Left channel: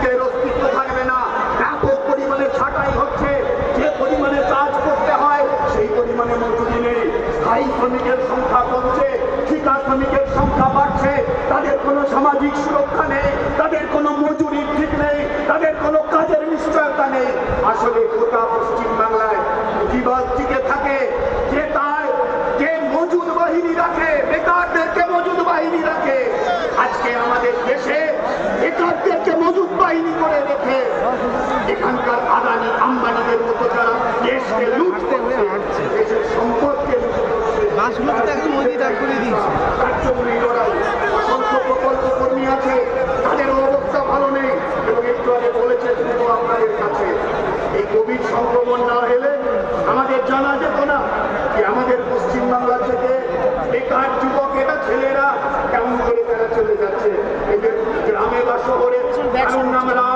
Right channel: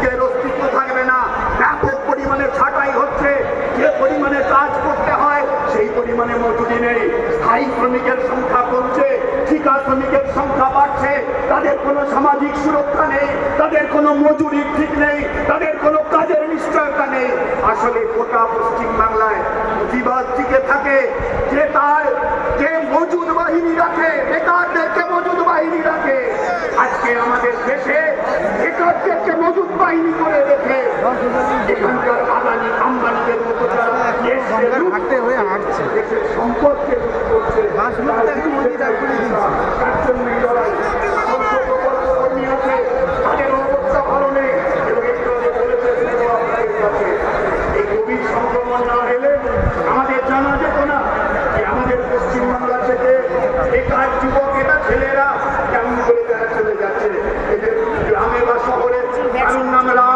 শ্রমিকের অস্তিত্ব থাকবে না। ব্যাপক পরিমাণে ছাঁটাই হচ্ছে, যে পরিমাণে কাজ করতে হয় সেই পরিমাণে মজুরি নেই। স্থায়ী শ্রমিকের সংখ্যা কমছে, ঠিকা শ্রমিকের সংখ্যা বাড়ছে। তাদের কোনো সামাজিক সুরক্ষা নেই, তাদের কোনো মজুরি ঠিক নেই, তাদের কোনো কাজের নিশ্চয়তা নেই। আসলে গোটা পশ্চিম বাংলায় প্রতিবাদ টিকে থাকে যে তার যে মজুদ বাহিনী রাখে, বেকারদেরকে মজুদ বাহিনী রাখে। আজকে আমাদের দেশে বেকারদেরকে মজুদ বাহিনী করে রেখে এখানকার আদানি আম্বানিদের মধ্যে যারা দেশকে লুটতে হয়ে হাঁটছে, দেশের সম্পদকে লুট করছে, তার জন্য লড়াই। অসংখ্য প্রকল্প কর্মী আছে, তাদের অবস্থা ভালো নেই। এবং একটু আগে বলেছেন আপনাদের কাছে এই কোভিড সংক্রমণ না হলে আমাদের জানা যেত না যে আমাদের পশ্চিমবাংলা থেকে বেকার যুবকেরা ছেলেরা কেমন করে তারা চলে যাচ্ছে। এদের গ্রামে বা শহরে নামরা